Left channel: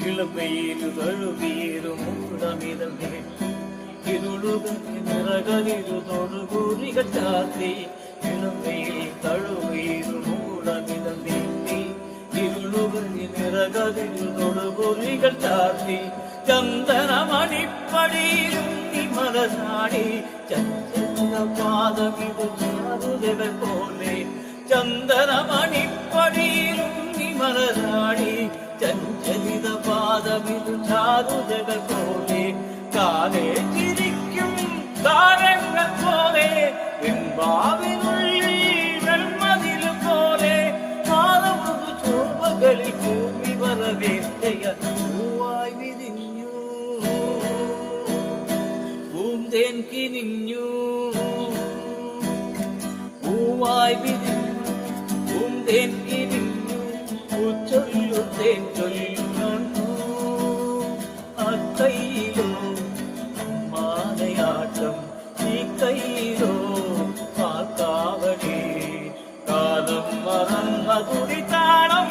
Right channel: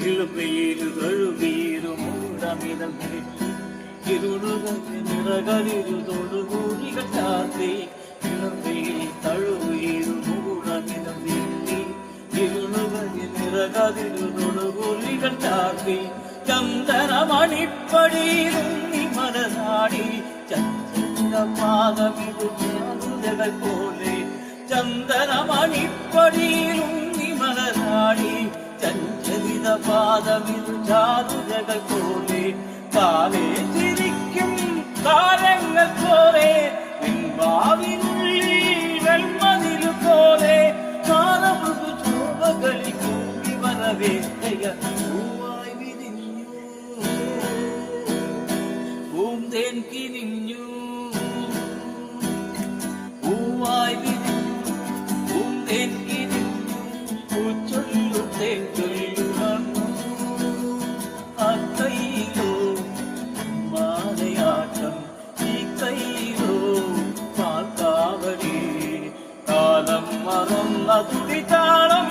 ഇളുകയിരു തൊഴുകയിരു മൂടമിതൽ നിരത്തി ഇരുളുകലിരു തൊടുകൂറികൾ ചാർത്തി ഇളുകയിൽ തഴുകയിരു മൂടമിതൽ നിരത്തി ഇരുളുകളിൽ തൊടുകൂറികൾ ചാർത്തി ചന്ദനമണിപ്പടിയിലും നിമലനാടി ചന്ദ്രപാദമിരുകൾ പോലെ ചന്ദനമണിപ്പടിയിലും നിമലനാടി ചഞ്ചലിത പാദമിതു ചാരുതകൾ പോലെ കാലേ ചിരിക്കും കാലങ്ങൾ പോലെ വെൺപാവിനുള്ളിൽ വെൺമതിൽ പോലെ കാലമൃദു ചോപകളിൽ കൂടി വരവേറ്റയ പൂവായി വിരിഞ്ഞു പൂന്തേൻ കിനിഞ്ഞു പൂവായി വിരിഞ്ഞു പൂന്തേൻ കിനിഞ്ഞു പൂച്ചൊല്ലുത്തേൻ ചൊല്ലു വന്നു അക്കൈയിലോ മാലയാട്ടം ഈ കൈയിലോ പാൽക്കാവടി കാലം മറന്ന തുടിതാളം